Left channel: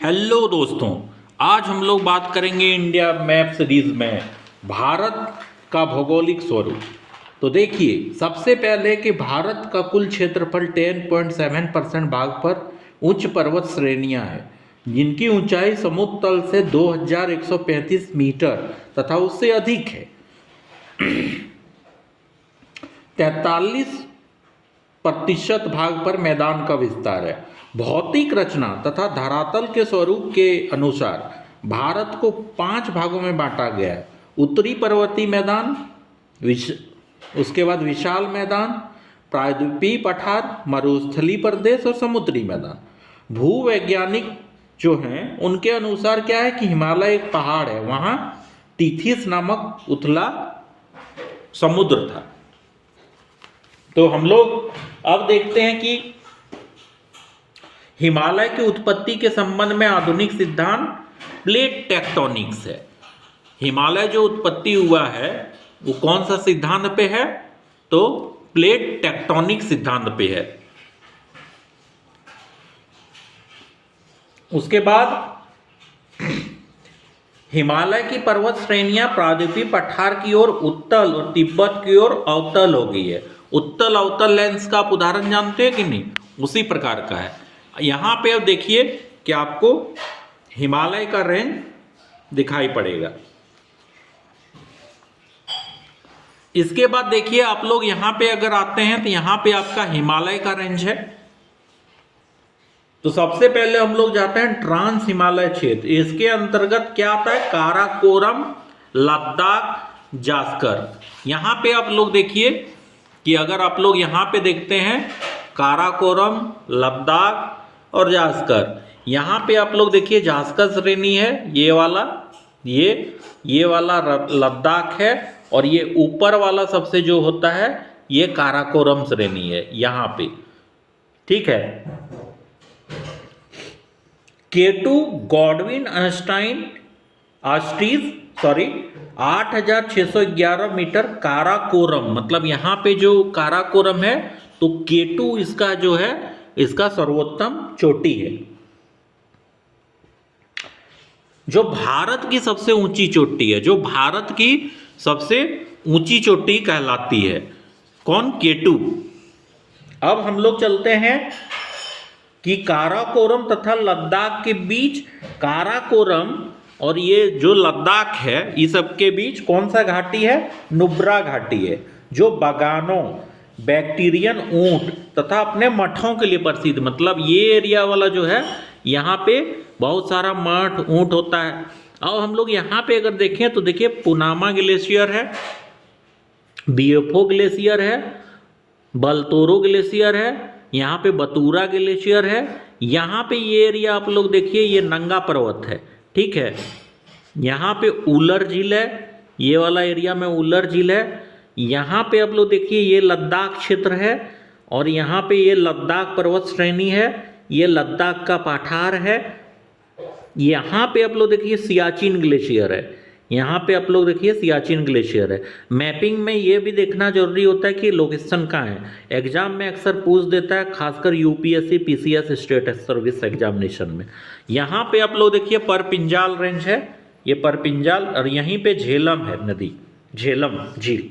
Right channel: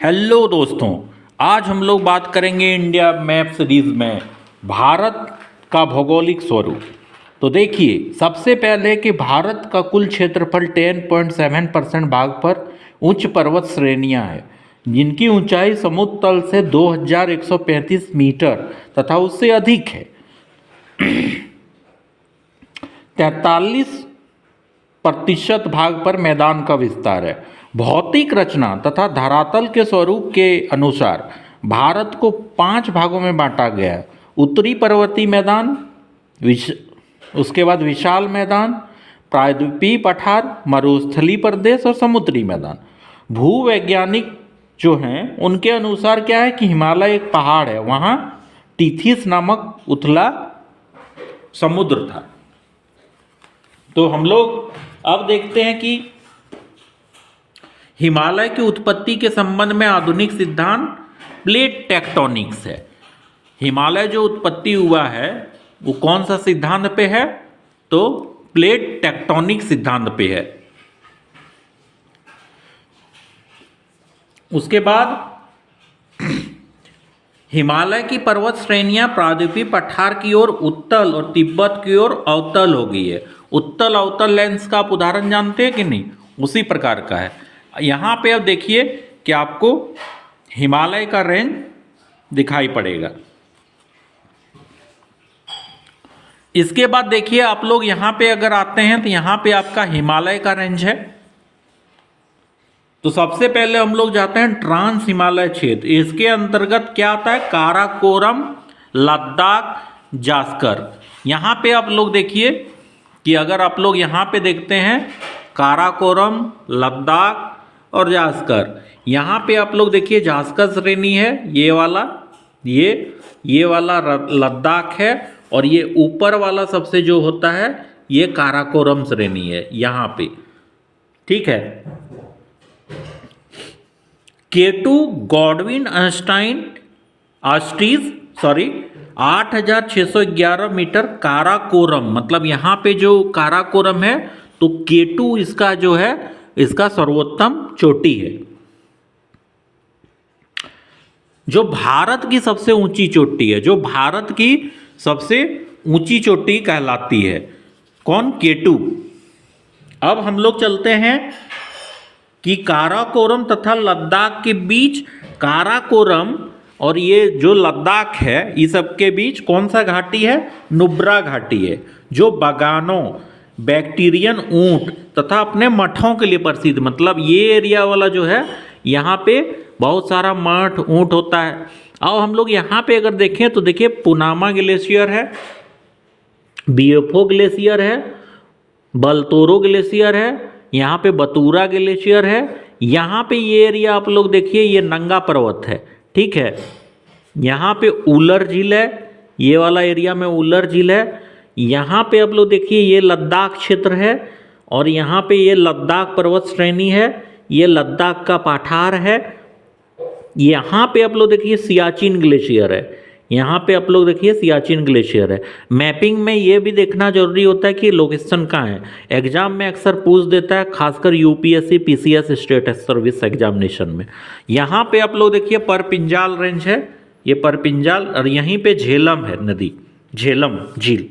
Hello दोस्तों। आज हम लोग बात करेंगे इंडिया मैप सीरीज में भारत का भौगोलिक स्वरूप। तो देखिए, सबसे पहले कि भारत का कुल क्षेत्रफल 10.7% भाग पर उच्च पर्वत श्रेणियां हैं, जिनकी ऊंचाई समुद्र तल से 2135 मीटर तथा उससे अधिक है। 43% भाग पर मैदान का विस्तार है। भौतिक रचना तथा धरातल के स्वरूप के अनुसार भारत को 5 भागों में बांटा गया है। उत्तरी पर्वतीय मैदान, उसके बाद विशाल मैदान, प्रायद्वीपीय पठार, मरुस्थलीय प्रदेश और समुद्री मैदान। भूवैज्ञानिक जो हैं उनके अनुसार क्या है कि हिमालय एक पहाड़ है, वहाँ टीथिस नामक उथला समुद्र था। तो हम लोग अब देखते हैं कि हिमालय की उत्पत्ति के संबंध में आधुनिक सिद्धांत प्लेट टेक्टोनिक्स है। हिमालय जो उत्पत्ति हुआ है वो कौन सा सिद्धांत पे है? तो प्लेट टेक्टोनिक सिद्धांत पे है। उसके बाद हिमालय की पर्वत श्रेणियां प्रायद्वीपीय पठार की ओर उत्तल और तिब्बत की ओर अवतल हो गई है। उत्तल अवतल लेंस का आप उदाहरण जानते हैं कि नहीं? उसी प्रकार का है। यहाँ पे अब देखिए कि आपको हिमालय का रेंज दिखाई पड़ेगा। इसके बाद देखिए आप लोग यहाँ पे अगर आते हैं तो यहाँ पे आपका हिमालय का रेंज है। तो सबसे पहले हम लोग जाते हैं ट्रांस हिमालय क्षेत्र। इसके अंतर्गत क्या आता है? काराकोरम, लद्दाख, जास्कर। यहाँ पे आप लोग देखिए कि अगर आप लोग यहाँ पे देखते हैं काराकोरम, लद्दाख और जास्कर, यहाँ पे आप लोग देखिए जास्कर श्रेणी है, ये वाला, ये वाला लद्दाख है, और ये ऊपर वाला सबसे जो होता है ये काराकोरम श्रेणी है यहाँ पे। ठीक है। केटू गॉडविन ऑस्टीज 8611 मीटर काराकोरम, मतलब यहाँ पे जो काराकोरम है तो केटू इसका जो है इसका सर्वोत्तम चोटी है, जो भारत की सबसे ऊंची चोटी है, जो भारत की सबसे ऊंची चोटी कहलाती है। कौन? केटू। अब हम लोग चलते हैं कि काराकोरम तथा लद्दाख के बीच, काराकोरम और ये जो लद्दाख है इस सब के बीच कौन सा घाटी है? नुब्रा घाटी है, जो बागानों, बैक्टीरियन ऊंट तथा अपने मठों के लिए प्रसिद्ध। मतलब ये एरिया वाला जो है यहाँ पे बहुत सारा मठ, ऊंट होता है। अब हम लोग यहाँ पे अगर देखें तो देखिए पुनामा ग्लेशियर है, बीएफओ ग्लेशियर है, बलतोरो ग्लेशियर है, यहाँ पे बतूरा ग्लेशियर है। यहाँ पे ये एरिया आप लोग देखिए ये नंगा पर्वत है। ठीक है। यहाँ पे उलर झील है, ये वाला एरिया में उलर झील है। यहाँ पे आप लोग देखिए ये लद्दाख क्षेत्र है, और यहाँ पे ये लद्दाख पर्वत श्रेणी है, ये लद्दाख का पठार है। यहाँ पे आप लोग देखिए सियाचिन ग्लेशियर है, यहाँ पे आप लोग देखिए सियाचिन ग्लेशियर है। मैपिंग में ये भी देखना जरूरी होता है कि लोकेशन कहाँ है। एग्जाम में अक्सर पूछ देता है, खासकर UPSC, PCS, state service examination में। यहाँ पे आप लोग देखिए परपिंजाल रेंज है, ये परपिंजाल, और यहीं पे झेलम है नदी, झेलम झील।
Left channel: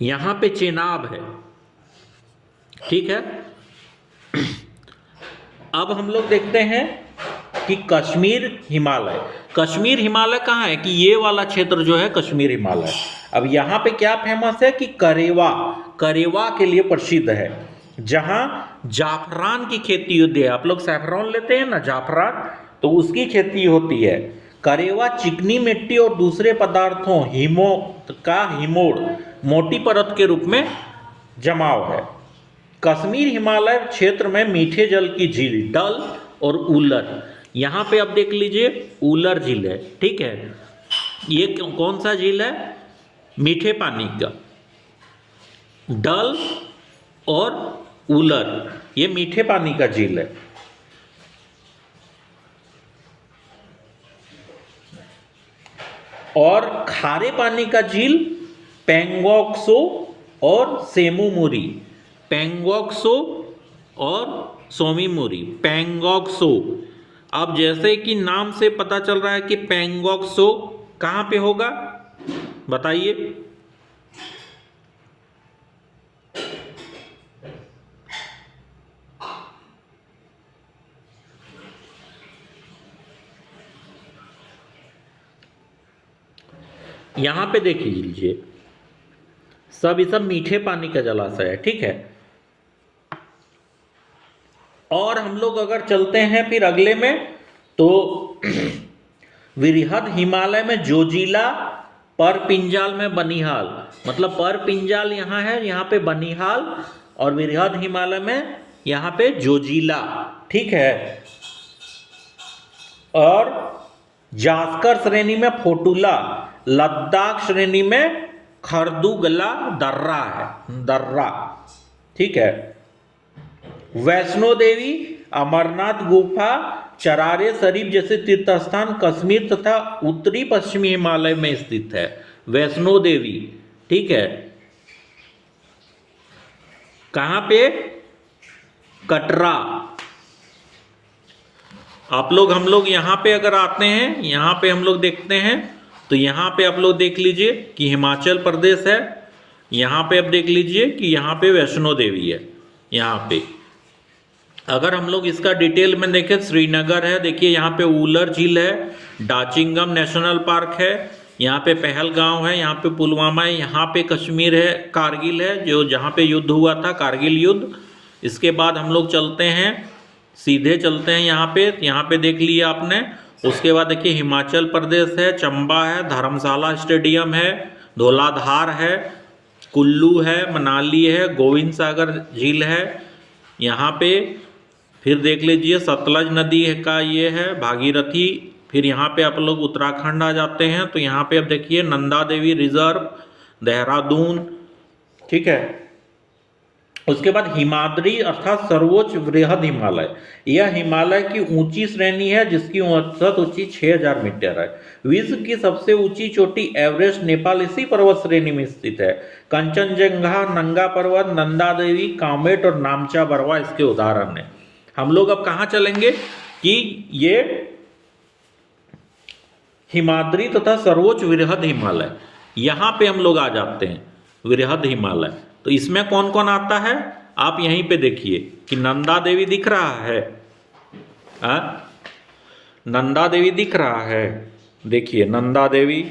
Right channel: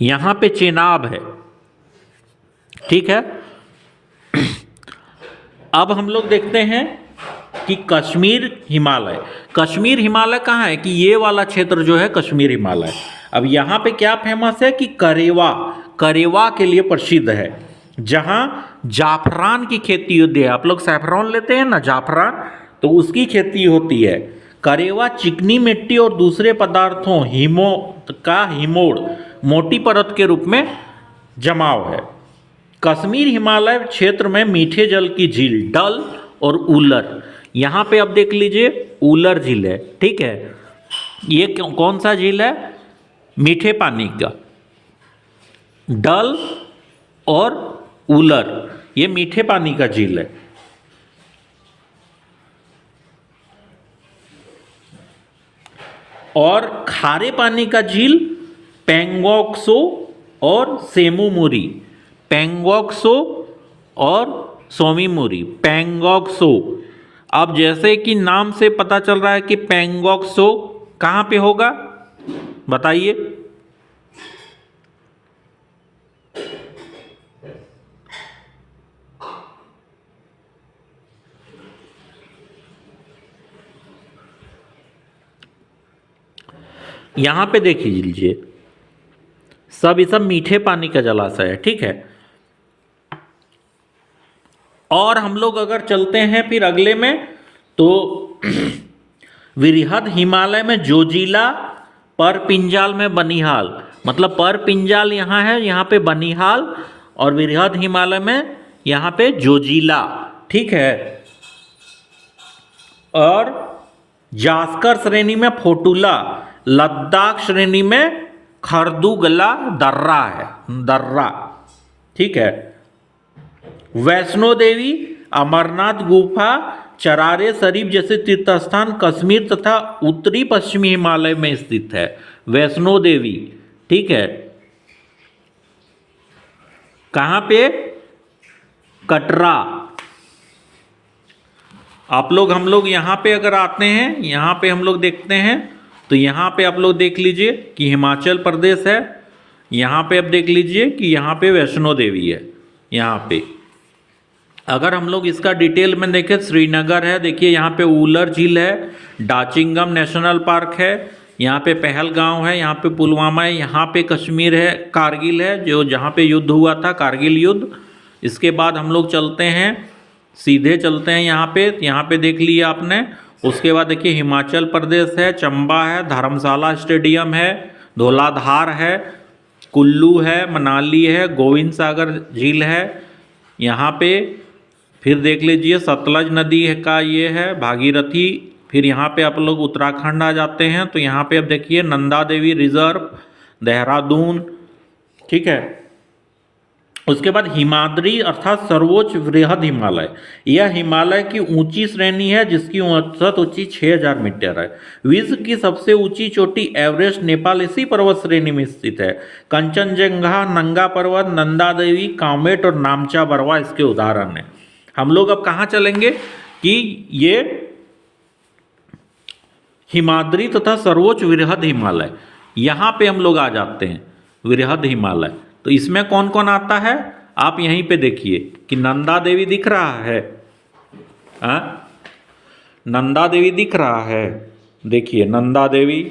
यहाँ पे चेनाब है। ठीक है। अब हम लोग देखते हैं कि कश्मीर हिमालय। कश्मीर हिमालय कहाँ है? कि ये वाला क्षेत्र जो है कश्मीर हिमालय। अब यहाँ पे क्या फेमस है कि करेवा के लिए प्रसिद्ध है, जहाँ जाफरान की खेती होती है। आप लोग सैफरॉन लेते हैं ना, जाफरान, तो उसकी खेती होती है। करेवा चिकनी मिट्टी और दूसरे पदार्थों हिमोड़ मोटी परत के रूप में जमाव है। कश्मीर हिमालय क्षेत्र में मीठे जल की झील डल और उलर, यहाँ पे अब देख लीजिए उलर झील है। ठीक है। ये कौन सा झील है? मीठे पानी का। डल और उलर ये मीठे पानी का झील है। और खारे पानी का झील पेंगोक्सो और सेमुमुरी, पेंगोक्सो और सोमीमुरी, पेंगोक्सो अब जैसे कि नाम से पता चल रहा है कि पैंगोंग त्सो कहाँ पे होगा, बताइए। यहां पे देख लीजिए, सब ये सब मीठे पानी का जलाशय है, ठीक है। और हम लोग अगर चलते हैं फिर अगले में, तो वृहद हिमालय में जोजिला, परपिंजाल में बनिहाल, मतलब परपिंजाल यहाँ है, यहाँ पे बनिहाल, और वृहद हिमालय में यहाँ पे जोजिला, ठीक है। और जास्कर श्रेणी में फोटुला, लद्दाख श्रेणी में खरदुगला दर्रा है, दर्रा, ठीक है। वैष्णो देवी, अमरनाथ गुफा, चरारे शरीफ जैसे तीर्थस्थान कश्मीर तथा उत्तरी पश्चिमी हिमालय में स्थित है। वैष्णो देवी, ठीक है, कहां पे, कटरा। आप लोग, हम लोग यहां पे अगर आते हैं, यहां पे हम लोग देखते हैं, तो यहां पे आप लोग देख लीजिए कि हिमाचल प्रदेश है, यहां पे आप देख लीजिए कि यहां पे वैष्णो देवी है। यहां पे अगर हम लोग इसका डिटेल में देखें, श्रीनगर है, देखिए यहाँ पे ऊलर झील है, डाचिंगम नेशनल पार्क है, यहाँ पे पहलगांव है, यहाँ पे पुलवामा है, यहाँ पे कश्मीर है, कारगिल है, जो जहाँ पे युद्ध हुआ था, कारगिल युद्ध। इसके बाद हम लोग चलते हैं, सीधे चलते हैं यहाँ पे देख लिया आपने। उसके बाद देखिए हिमाचल प्रदेश है, चंबा है, धर्मशाला स्टेडियम है, धौलाधार है, कुल्लू है, मनाली है, गोविंद सागर झील है यहाँ पे। फिर देख लीजिए सतलज नदी का ये है, भागीरथी। फिर यहाँ पे आप लोग उत्तराखंड आ जाते हैं, तो यहाँ पे अब देखिए नंदा देवी रिजर्व, देहरादून, ठीक है। उसके बाद हिमाद्री अर्थात सर्वोच्च वृहद हिमालय, यह हिमालय की ऊंची श्रेणी है जिसकी औसत ऊंची 6000 मीटर है। विश्व की सबसे ऊंची चोटी एवरेस्ट नेपाल इसी पर्वत श्रेणी में स्थित है। कंचनजंगा, नंगा पर्वत, नंदा देवी, कामेट और नामचा बरवा इसके उदाहरण हैं। हम लोग अब कहाँ चलेंगे कि ये हिमाद्री तथा सर्वोच्च वृहद हिमालय, यहाँ पे हम लोग आ जाते हैं। वृहद हिमालय, तो इसमें कौन कौन आता है, आप यहीं पे देखिए कि नंदा देवी दिख रहा है, नंदा देवी दिख रहा है, देखिए नंदा देवी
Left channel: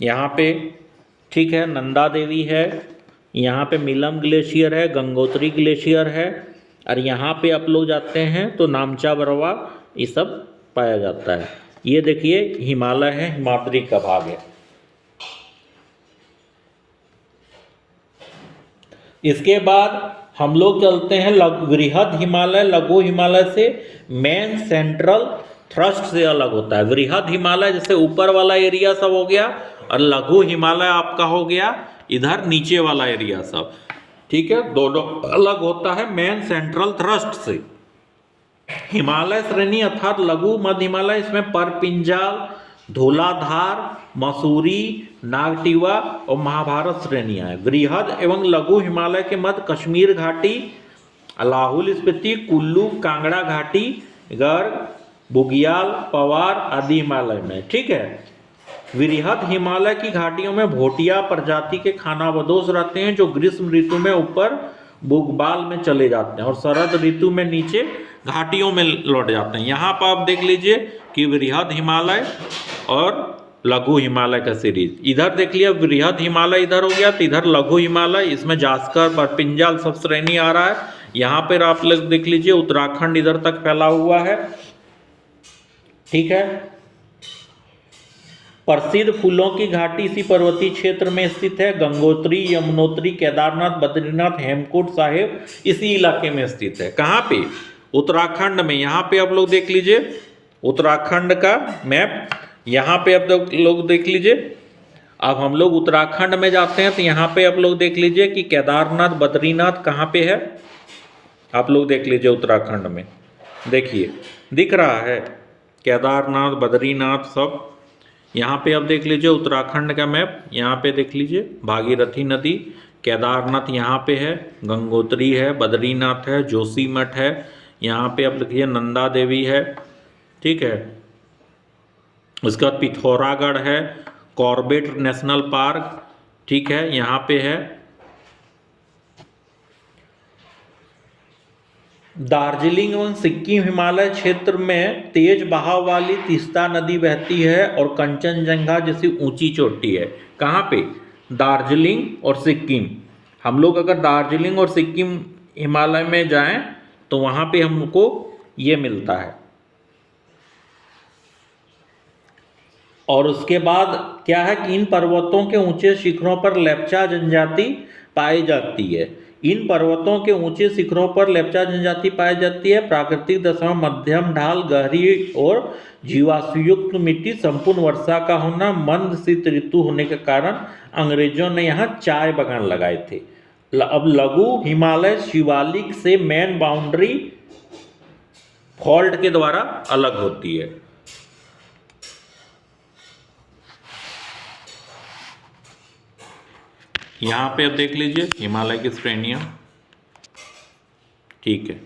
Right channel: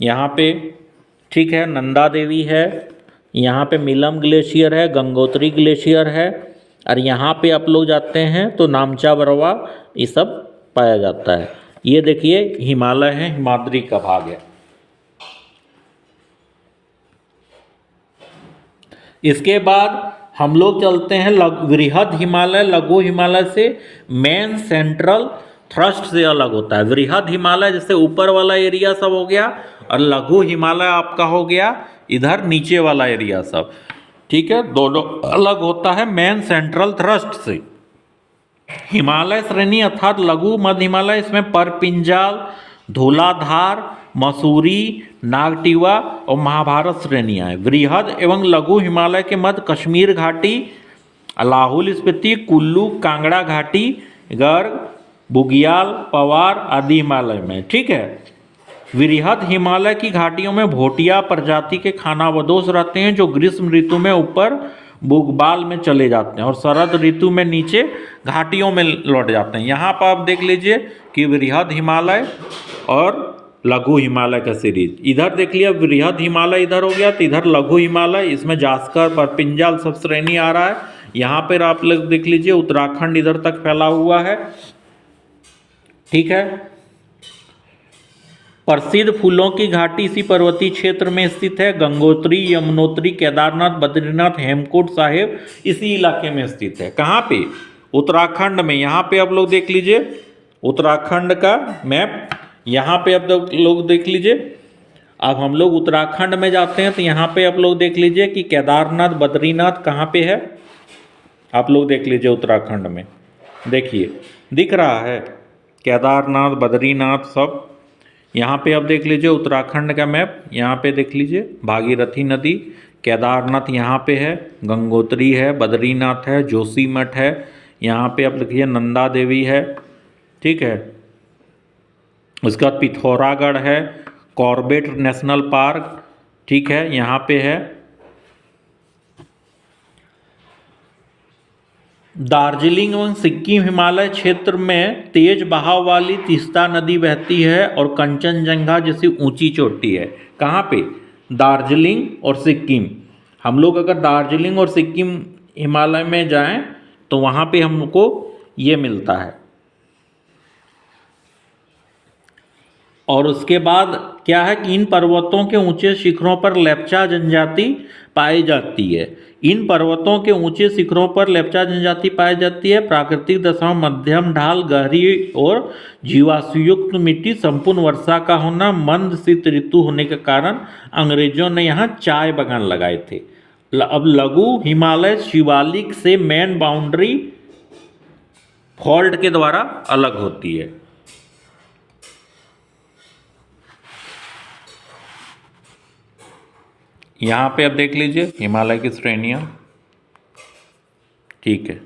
यहाँ पे, ठीक है, नंदा देवी है। यहाँ पे मिलम ग्लेशियर है, गंगोत्री ग्लेशियर है, और यहाँ पे आप लोग जाते हैं तो नामचा बरवा, ये सब पाया जाता है। ये देखिए हिमालय है, हिमाद्री का भाग है। इसके बाद हम लोग चलते हैं वृहद हिमालय, लघु हिमालय से मेन सेंट्रल थ्रस्ट से अलग होता है। वृहद हिमालय जैसे ऊपर वाला एरिया सब हो गया, और लघु हिमालय आपका हो गया इधर नीचे वाला एरिया सब, ठीक है, दोनों अलग होता है मेन सेंट्रल थ्रस्ट से। हिमालय श्रेणी अर्थात लघु मध्य हिमालय, इसमें परपिंजाल, धौलाधार, मसूरी, नागटिवा और महाभारत श्रेणियां हैं। वृहद एवं लघु हिमालय के मध्य कश्मीर घाटी, लाहौल स्पीति, कुल्लू, कांगड़ा घाटी, गर्ग, बुगियाल, पवार आदि हिमालय में, ठीक है। वृहद हिमालय की घाटियों में भोटिया प्रजाति के खानाबदोश रहते हैं, जो ग्रीष्म ऋतु में ऊपर बुगबाल में चले जाते हैं और शरद ऋतु में नीचे घाटियों में लौट जाते हैं। यहाँ पर आप देख लीजिए कि वृहद हिमालय और लघु हिमालय का सीरीज। इधर देख लिया वृहद हिमालय इधर हो गया, तो इधर लघु हिमालय, इसमें जास्कर, परपिंजाल सब श्रेणी आ रहा है। यहाँ पर आप लोग देख लीजिए उत्तराखंड इधर तक फैला हुआ है, ठीक है। प्रसिद्ध फूलों की घाटी इसी पर्वतीय क्षेत्र में स्थित है। गंगोत्री, यमुनोत्री, केदारनाथ, बद्रीनाथ, हेमकूट साहिब इसी इलाके में स्थित है। कहाँ पे, उत्तराखंड में। यहाँ पे आप लोग देख लीजिए उत्तराखंड का मैप, यहाँ पे आप लोग देख लीजिए। अब हम लोग उत्तराखंड में जाते हैं तो यहाँ पे आप लोग देख लीजिए कि केदारनाथ, बद्रीनाथ कहाँ पे है, आप लोग देख लीजिए उत्तराखंड में, देखिए दिख रहा है केदारनाथ, बद्रीनाथ सब। यहाँ पे आप देख लीजिए उत्तराखंड का मैप, यहाँ पे देख लीजिए भागीरथी नदी, केदारनाथ यहाँ पे है, गंगोत्री है, बद्रीनाथ है, जोशीमठ है, यहाँ पे आप लिखिए नंदा देवी है, ठीक है। उसके बाद पिथौरागढ़ है, कॉर्बेट नेशनल पार्क, ठीक है, यहाँ पे है। दार्जिलिंग एवं सिक्किम हिमालय क्षेत्र में तेज बहाव वाली तीस्ता नदी बहती है और कंचनजंगा जैसी ऊंची चोटी है। कहाँ पे? दार्जिलिंग और सिक्किम। हम लोग अगर दार्जिलिंग और सिक्किम हिमालय में जाएं तो वहाँ पे हमको ये मिलता है। और उसके बाद क्या है कि इन पर्वतों के ऊंचे शिखरों पर लेप्चा जनजाति पाई जाती है। इन पर्वतों के ऊंचे शिखरों पर लेप्चा जनजाति पाई जाती है। प्राकृतिक दशाओं मध्यम ढाल, गहरी और जीवाश्मयुक्त मिट्टी, संपूर्ण वर्षा का होना, मंद शीत ऋतु होने के कारण अंग्रेजों ने यहाँ चाय बागान लगाए थे। अब लघु हिमालय शिवालिक से मेन बाउंड्री फॉल्ट के द्वारा अलग होती है। यहाँ पे आप देख लीजिए हिमालय की श्रेणियाँ, ठीक है।